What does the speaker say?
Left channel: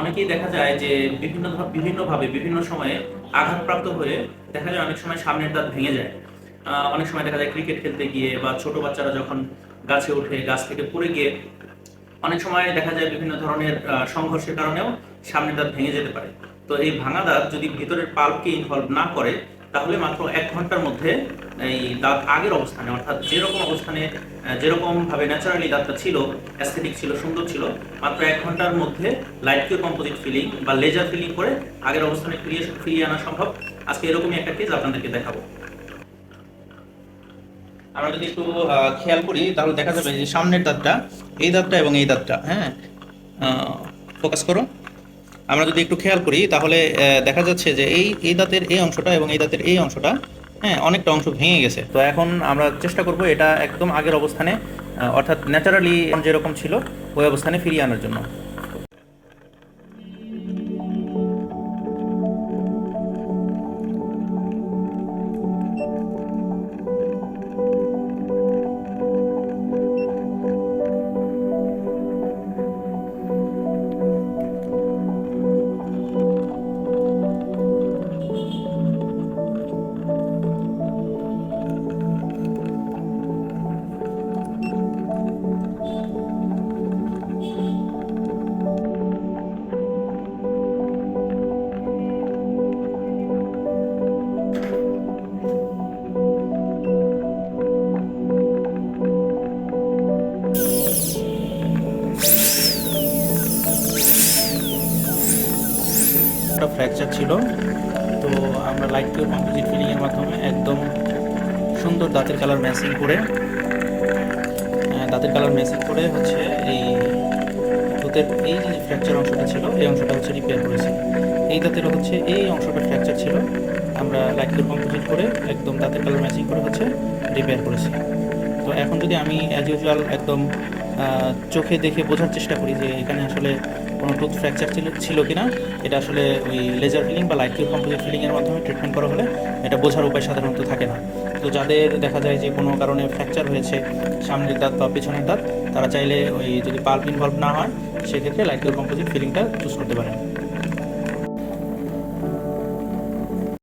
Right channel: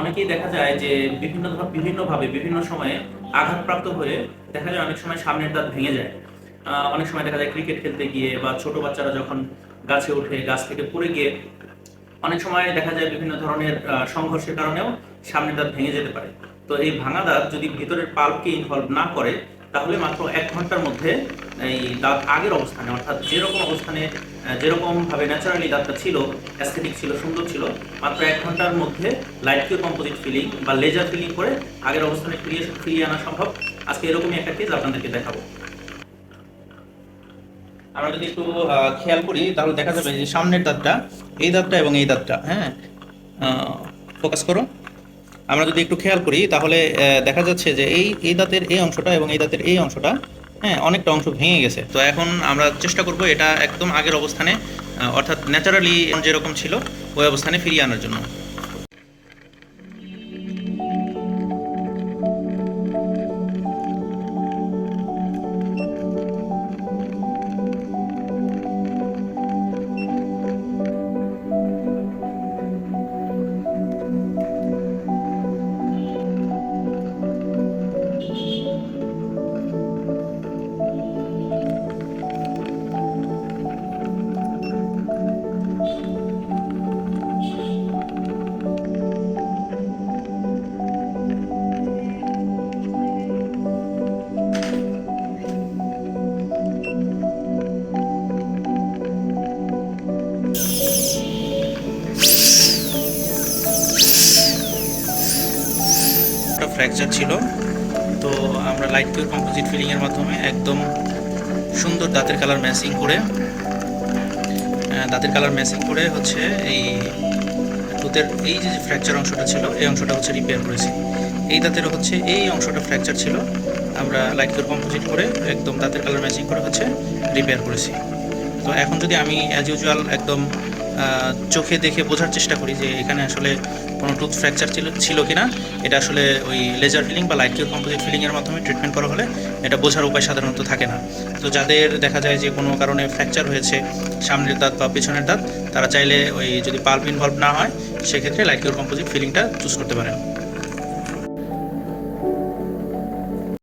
অনেকেই দেখা যায় যে বিভিন্নভাবে বিভিন্ন সময়ে আঘাতপ্রাপ্ত হয়ে দেখা যায় অনেক সময় সামনের দাঁত ভেঙে যায়। অনেক সময় দেখা যায় ক্রিকেট খেলতে গিয়ে বা ছোট বাচ্চারা যখন গাছে ওঠে গাছ থেকে পড়ে গিয়ে অনেক সময় দেখা যায় বিভিন্ন ধরনের সংঘর্ষের কারণেও সামনের দাঁত ভেঙে যেতে পারে। তো এই ভাঙা দাঁত যদি ভিতরের পাল্পকে ইনভলভ না করে তাহলে মাত্র 1 ঘন্টার মধ্যে এই দাঁত আগের অবস্থানে অর্থাৎ যেরকম অবস্থানে যেরকম ভাবে ন্যাচারালি দাঁতটা ছিল, অ্যাস্থেটিক ছিল, সুন্দর ছিল, মাত্র 1 ঘন্টার মধ্যে লাইট কিউ কম্পোজিট ফিলিং বা লেজার ফিলিং করে আগের অবস্থানে ফিরিয়ে আনা সম্ভব। আজকে এরকমই একটা কেস আপনাদেরকে দেখাবো। আমরা যদি একটু খেয়াল করি তাহলে দেখা যাবে যে সামনের দাঁতটা, এই দাঁতটা এবং এই দাঁতটা, হ্যাঁ, ফোকাস করো। আমরা যদি একটু খেয়াল করি তাহলে দেখা যাচ্ছে যে এই দাঁতের এই অংশটা এবং এই দাঁতের এই অংশটা, হ্যাঁ, অনেকটা অংশ ভেঙে গেছে। তো এখন আমরা চেষ্টা করব এটা একদম আগের অবস্থানে, অর্থাৎ ন্যাচারালি যেরকম ছিল ওই অবস্থানে ফিরিয়ে আনার জন্য। একটা ফ্র্যাকচার ছিল, তো আমরা লাইট কিউর কম্পোজিট ফিলিংয়ের মাধ্যমে একদম সুন্দর দাঁতের কালার ম্যাচিং করে হচ্ছে এই টুথের এই যে ফ্র্যাকচার অংশটা ছিল এই অংশটা হচ্ছে রিপেয়ার করেছি। এই দাঁতেরও হচ্ছে এই অংশটা ফ্র্যাকচার ছিল, আমরা লাইট কিউর কম্পোজিট করে একদম দাঁতের কালার ম্যাচিং করে হচ্ছে রিপেয়ার করেছি। তো এখন যদি আমি অ্যাজ ইউজুয়াল একদম চোখে দেখে বোঝার চেষ্টা করি যে এখানে আসলে কোনো টুথ ফ্র্যাকচার ছিল কি না, এটা আসলে ওই লেজার ফিলিং বা লাইট কিউ কম্পোজিট ফিলিংয়ের মাধ্যমে ট্রিটমেন্ট করা হলে এটা বোঝার উপায় সাধারণত থাকে না। তো যাদের দেখা যায় যে কোনো কারণে ফ্র্যাকচার হয়েছে সামনের দাঁত বা পেছনের দাঁত, তারা চাইলে ওই যদি পাল্প ইনভলভ না হয় সেক্ষেত্রে লাইট কিউ কম্পোজিট ফিলিংটা চুজ করতে পারেন।